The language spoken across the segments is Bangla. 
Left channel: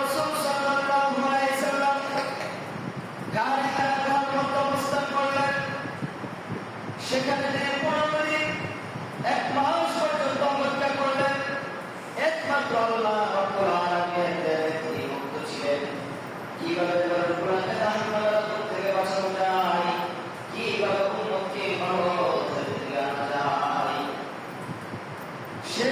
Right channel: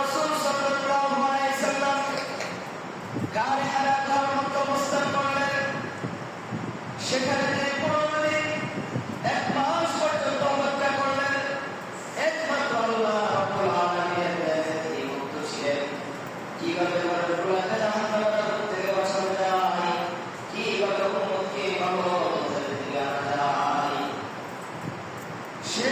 রসুল সাল্লাল্লাহু আলাইহি সাল্লাম গারে হারাকার মধ্যে অবস্থান করলেন। সেখানে তিনি পুরোপুরি এক মাস পর্যন্ত অপেক্ষা করলেন, একমাত্র আল্লাহ রব্বুল আলামিন এই মুক্ত ছিলেন কীভাবে আমাদের পুরাতে জাহান্নামের করতে বাঁচানো যায় কীভাবে উম্মতকে ভালো হতে দেওয়া যায় সে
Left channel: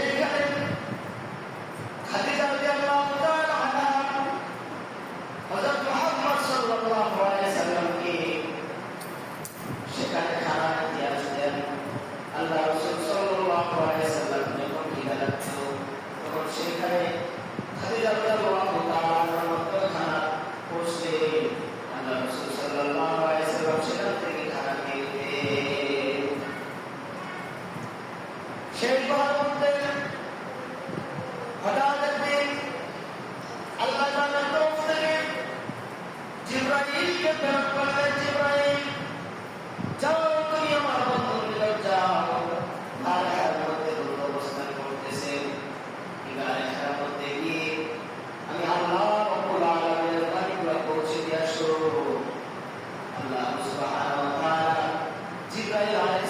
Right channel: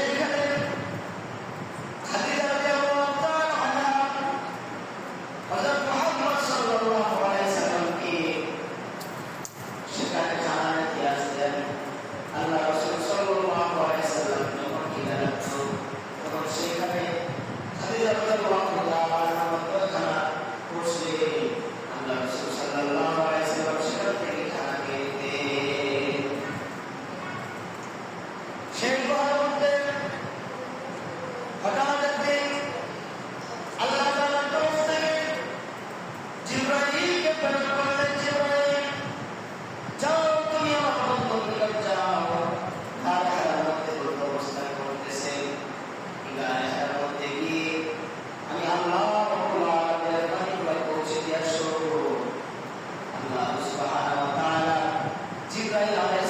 জিবরাইলকে প্রেরণ করলেন জিবরাইল যাও তুমি আমার বন্ধু মিলাই যাও। আর এর মধ্যে দুটো অবস্থান করতেছে এর মধ্যে গিয়ে আমি আল্লাহ পৌঁছে দিয়ে শুরু করব আল্লাহ সুবহানাহু আলাইহিস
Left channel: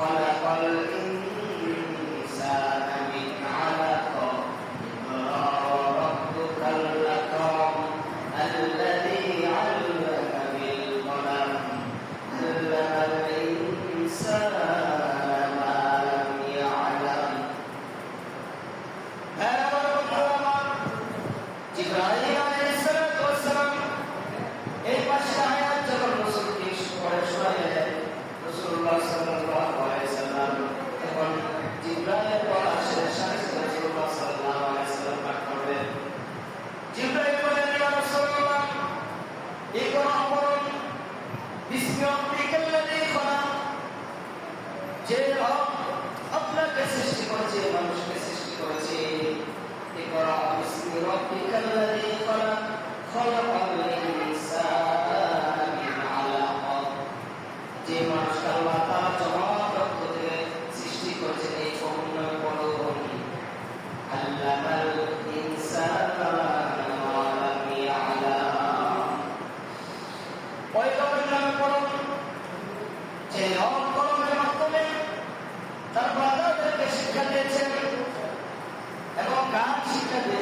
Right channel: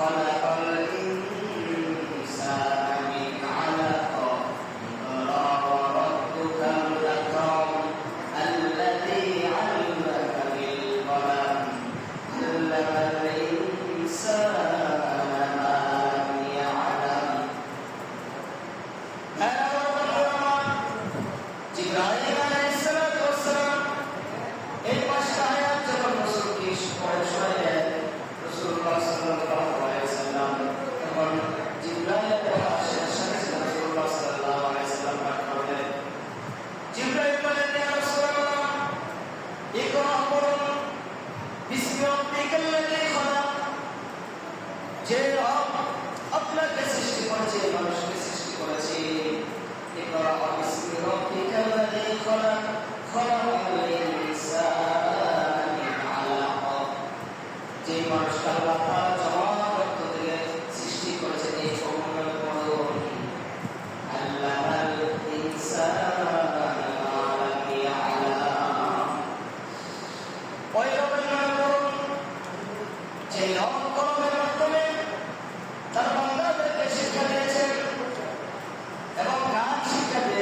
خلق الإنسان যে মানুষটা আল্লাহ তার জমা যে নব মাধ্যমে তার বান্দাদেরকে শিক্ষা দিয়েছেন এবং গান শিক্ষা দিয়েছেন।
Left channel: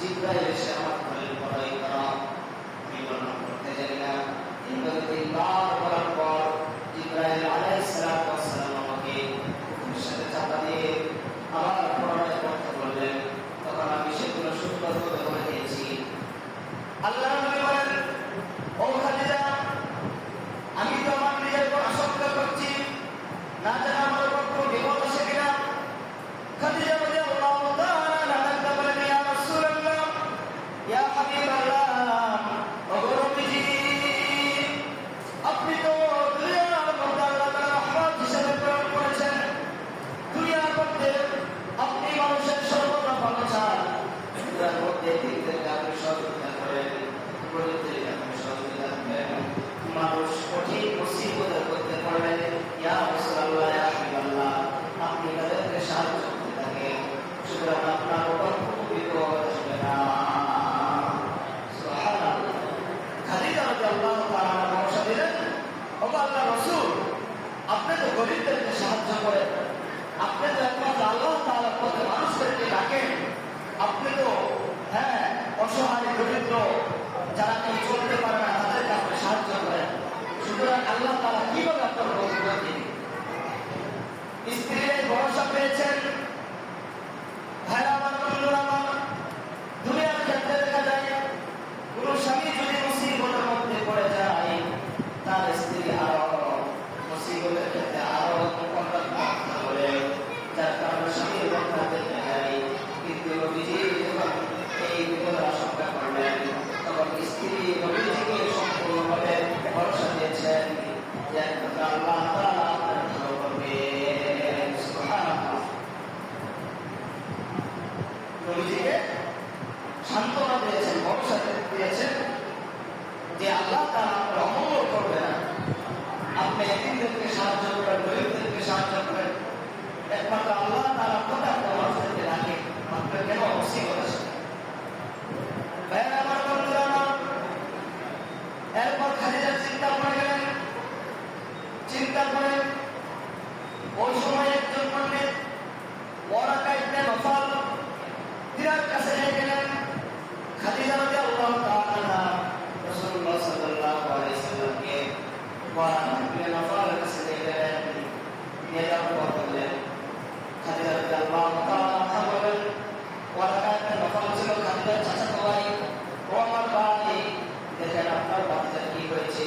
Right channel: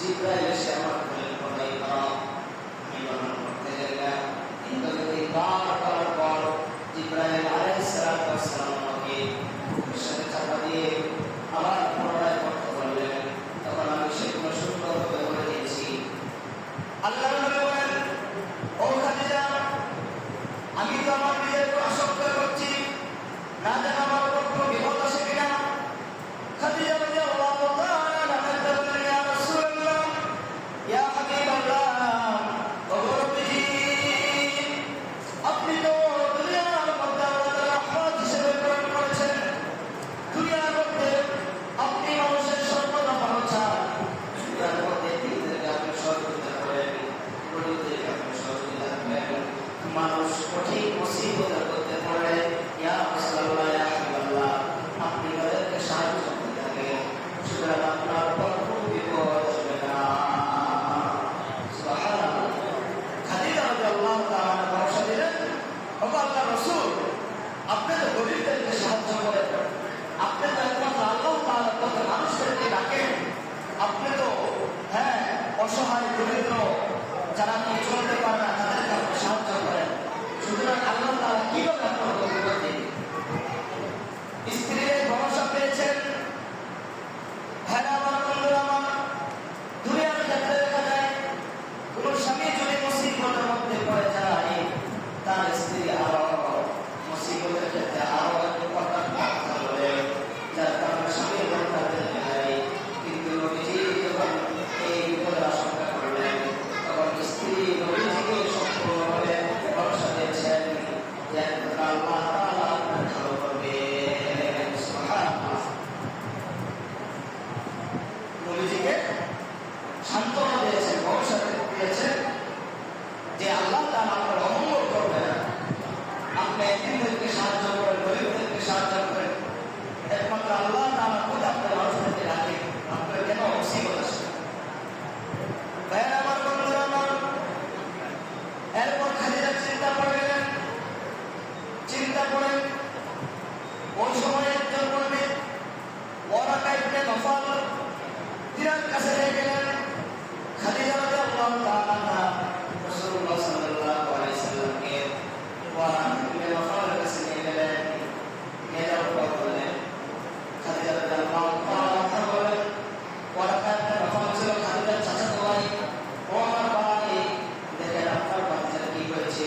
জিব্রাইল এসে আমার খলিল বড় ইকরাম আমি বর্ণনা করতে যাই না। কিন্তু পেয়েছেন। ভাইরা আমার বন্ধুরা, আমার দুনিয়ার ক্ষেত্রে দেখা যায় স্বামী যদি মুসিবতের মধ্যে পড়ে যায়, তার স্ত্রী আরও মুসিবতের ক্ষেত্রে আরও যার কিন্তু এই স্ত্রী চিন্তা করেন ওই সময় একজন পণ্ডিত ওয়ারাকা ইবনে নফল তিনার কাছে নিয়ে গেলেন। খাদিজা রাদিয়াল্লাহু তাআলা রাসূলুল্লাহ সাল্লাল্লাহু আলাইহি সাল্লামকে ওয়ারাকা ইবনে নফলের কাছে নিয়ে গেলেন। নিয়ে আমার ভাই দেখেন আপনার বাচ্চার কি হয়েছে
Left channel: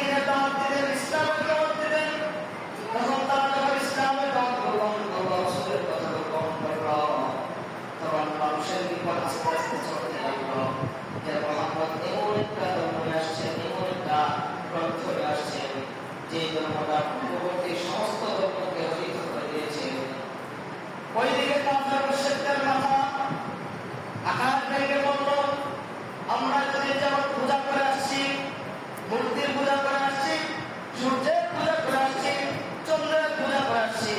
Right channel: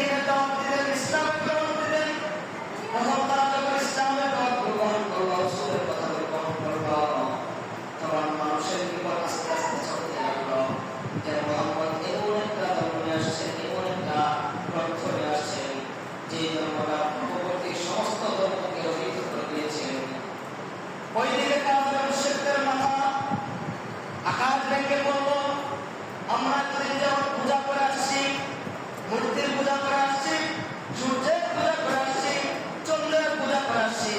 ওইদিকে কাফের মুশরিকদের মাথা, আকাশ ভেঙে বলল আমরা যদি যেমন পূজা করে আসছি, মূর্তির পূজা করে আসছি, সূর্যের পূজা করে আসছি, চন্দ্রের পূজা করে আসছি।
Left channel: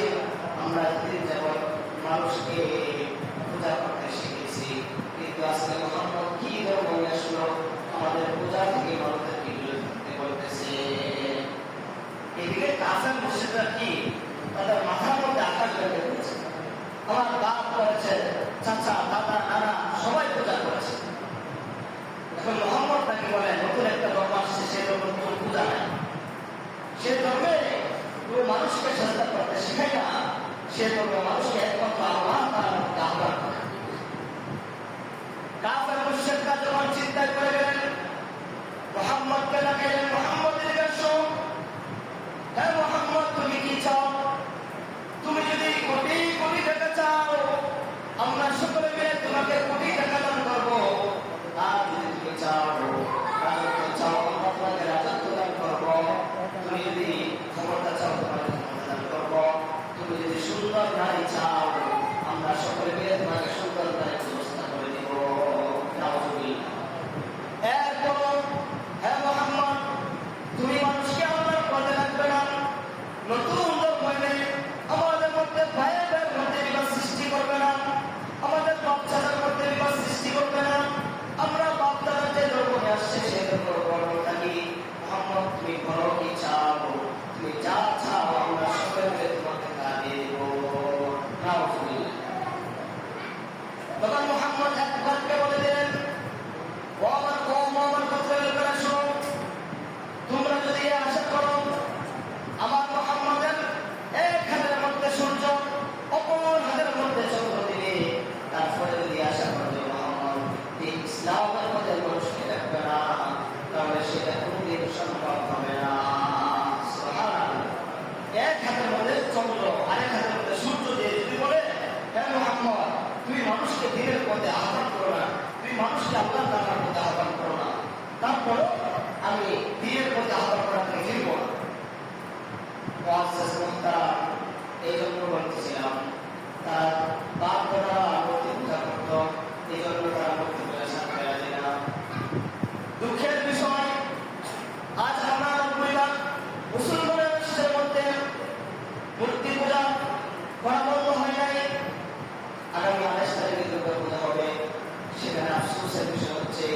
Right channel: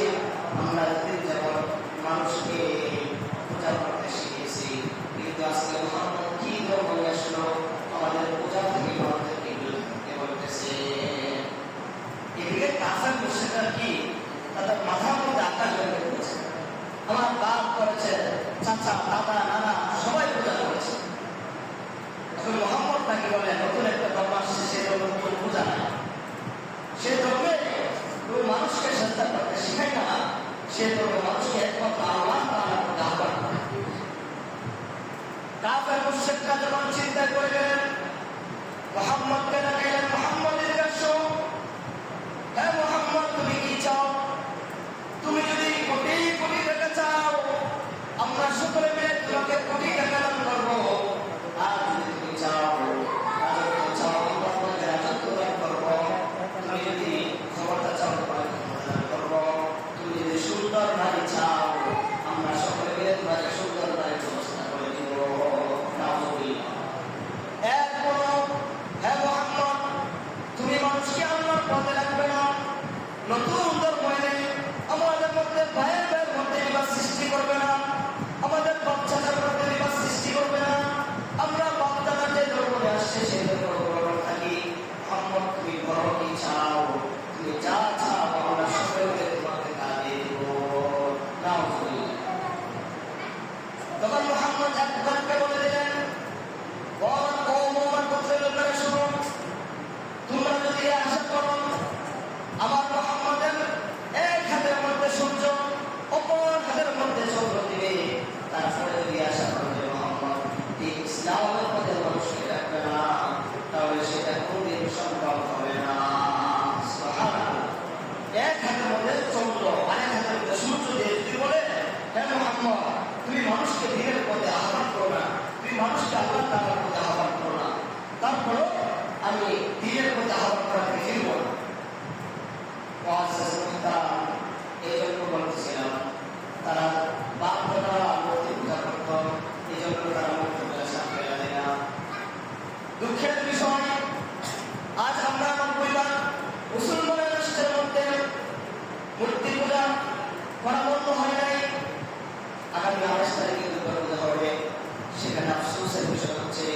আমরা যদি যেমন মানুষকে পূজা করতে শিখেছি কিন্তু আজকে মোহাম্মদ কি ধর্ম আসলো? আমাদের পূজা থেকে মানুষদেরকে বিরত থাকতে বলতেছে। এদিকে কাফের মুশরিকরা কি? তাদের মাথার মধ্যে আকাশ ভেঙে আমার বাপ করেছে চাচা দাদা নানা সবাই পূজা করেছে এখন মোহাম্মদ তাকে বলে নতুন একটা ধর্ম আসছে সে ধর্ম নতুন পূজা নাই সে ধর্মে তুমি মানুষকে চেষ্টা করতে শেখাই না সে ধর্মে মানুষকে একমাত্র আল্লাহ তাআলার প্রতি আহ্বান করে কাফের মুশরিকরা যখন চিন্তা করে গেলেন মোহাম্মদকে ডাকাইলেন মোহাম্মদ এদিকে আসো হ্যাঁ মোহাম্মদ, তুমি কি চাও? তুমি যদি কোটি কোটি টাকা চাও, আমরা সকলে মিলে তোমাকে কোটি টাকা দান করব। আর যদি তুমি চাও রাজত্ব চাও আমরা তোমাকে রাজত্ব দান করব তুমি যদি ক্ষমতা চাও তোমাকে ক্ষমতা দান করব তুমি যদি সুন্দর নারী চাও আমরা সকলে মিলে তোমাকে সুন্দর নারীর ব্যবস্থা করে দিব নাউজুবিল্লাহ। এরপরও হ্যাঁ মোহাম্মদ তুমি মানুষকে আল্লাহর পথে রাখবে না নতুন ধর্ম এনে আমাদের মধ্যে ভাইয়ের ভাইয়ের মধ্যে বিবাদ সৃষ্টি করবে না আমাদের বাচ্চাদের মধ্যে বিবাদ সৃষ্টি করবে না আমরা বাচ্চাদের যে ধর্ম নিয়ে আসছে সেই ধর্ম গ্রহণ থাকি মোহাম্মদ তুমি ধরো কি চাও তুমি যা চাও আমরা সকলকে তোমাকে তা দিয়ে দিব নাউজুবিল্লাহ। তখন মোহাম্মদ এক দলকে বলে দিলেন ও আমার কম আমার গোত্রের লোকেরা শোনো তোমরা যদি এ আশা করো আমার মোহাম্মদের এক হাতের মধ্যে সূর্য অপর হাতের মধ্যে চন্দ্র দিবে তারপরে যদি আশা করো যে মোহাম্মদ এই ইসলামের মধ্যে মানুষকে রাখবে না তাহলে সেটা কোনদিন সম্ভব হবে না সুবহানাল্লাহ। এক হাতের মধ্যে চন্দ্র আরেক হাতের মধ্যে সূর্য দিয়ে যদি বলে হ্যাঁ মোহাম্মদ তুমি মানুষকে দিনের পথে আহ্বান করো না তুমি মানুষকে আল্লাহ তাআলার পথে আহ্বান করো না। তারপরও আমি দিনের পথে আহ্বান করা থেকে ফিরব এই জন্য বলতেছিলাম, তারা বাপ মূর্তি পূজা করত এই জন্য তারা মূর্তি পূজা রাখে না। দুঃখের বিষয়, আজ আমরা আমার পরিবার মুসলমানের মধ্যে মূর্তি পূজা করা বন্ধ হয় নাই। আগামী আঠাশ তারিখে দুর্গা পূজা হবে। সেখানে আফসোসের বিষয় হচ্ছে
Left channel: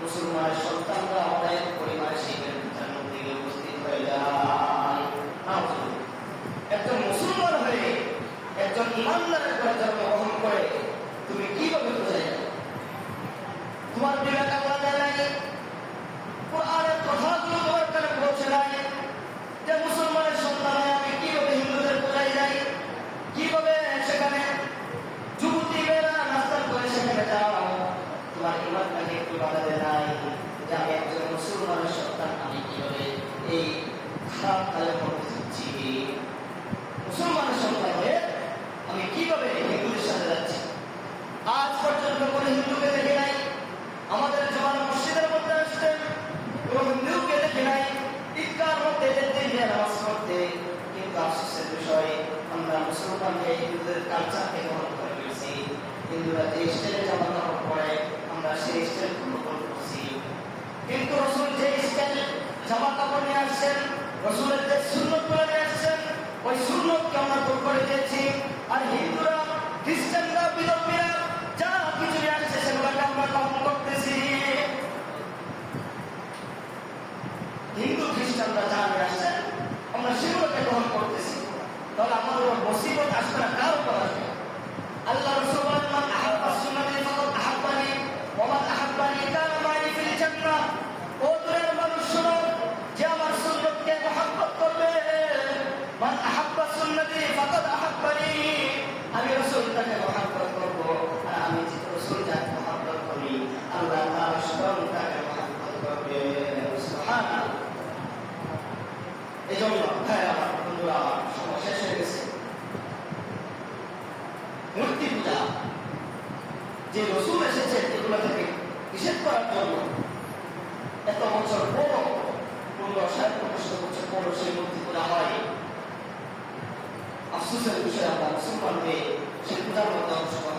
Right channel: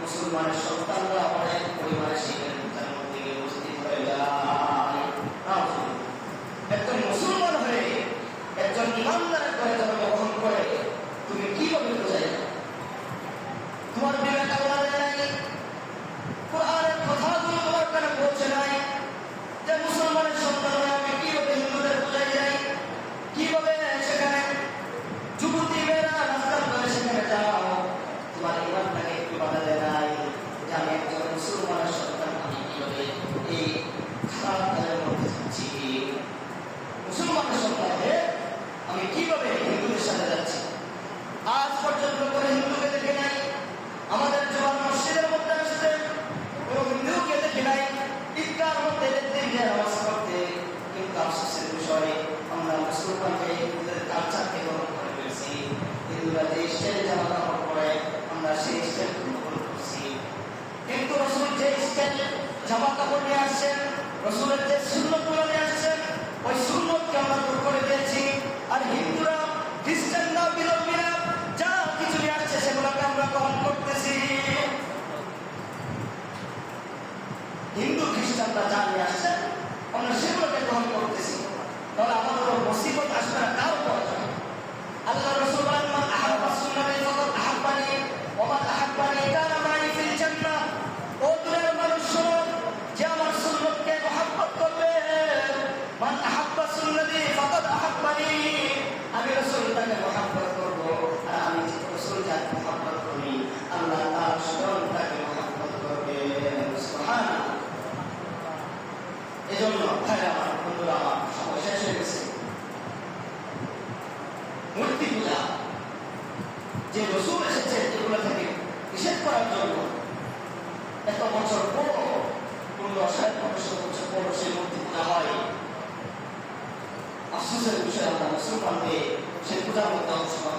মুসলমানের সন্তানরা অনেক পরিমাণে সেই পূজার মধ্যে উপস্থিত একজন মুসলমান হয়ে একজন ইমানদারের করে জন্মগ্রহণ করে, তুমি কীভাবে বোঝাই তোমার বিবেক আল্লাহ দেয় নাই। কোরআনের কথাগুলো তোমার কানে পৌঁছে নাই। যে মুসলমানের সন্তান হয়ে আমি কীভাবে হিন্দুদের বোঝাই যাই? কীভাবে সেখানে তোমার নাই আমি একজন আমি কীভাবে হিন্দুদের সাথে যাচ্ছি আজ পর্যন্ত কোনো হিন্দুকে দেখে নাই আমাদের জোয়ার মসজিদের মধ্যে আসছে কোনো হিন্দুকে দেখে নাই ঈদগার মধ্যে যেতে গিয়ে নামাজ পড়তে কিন্তু আফসোসের বিষয় আমরা মুসলমানকে হিন্দুদের কালচারকে গ্রহণ করে ফেলছি হিন্দুরা যে স্টাইলে জামা কাপড় পরে আমরা সেই স্টাইল গ্রহণ করছি কিন্তু রসুল যে স্টাইল জামা কাপড় নিয়ে আসছেন, রসুলের যে সুন্নতগুলো নিয়ে আসছেন, ওই সুন্নতকে আমরা দূর করে দিয়েছি। আর হিন্দুরা, খ্রিস্টানরা, বিলম্বীরা, যা কিছু নিয়ে আসছে সেগুলোকে আমরা গ্রহণ করতেছি। হিন্দু, খ্রিস্টানরা যা নিয়ে আসছে, আমরা সেগুলোকে গ্রহণ করতেছি। তাহলে আমাদের উপর মুসিবত আসবে না, কার উপর আসবে আল্লাহ রসুল বলেন, মান আহাব্বা সুন্নাতি ফাকাদ আহাব্বানি, ওয়া আহাব্বানি কানা মাই ফিল জান্নাহ ও দুনিয়ার মানুষ শোনো যে আমার সুন্নতকে মহব্বত করবে? আহাব্বা সুন্নতি ফাকাদ আহাব্বানি। আমি রাসূল তাকে মহাব্বত করব আর আমি যে রসুল যাকে মহাব্বত করি, আল্লাহ তার স্মরণ তাকে মহাব্বত করবে। সুবহানাল্লাহ। এই ভাইরা আমার সময় হয়ে গেছে। মূর্তি পূজা, যে রসুল এসেছে এগুলো থেকে নিষেধ করার জন্য এত বছর পর পনেরো ষাট পনেরোশো বছর পর সেই মূর্তি পূজা হয় আফসোসের বিষয় আমরা মুসলমান হয়ে সেই পূজার মধ্যে অংশগ্রহণ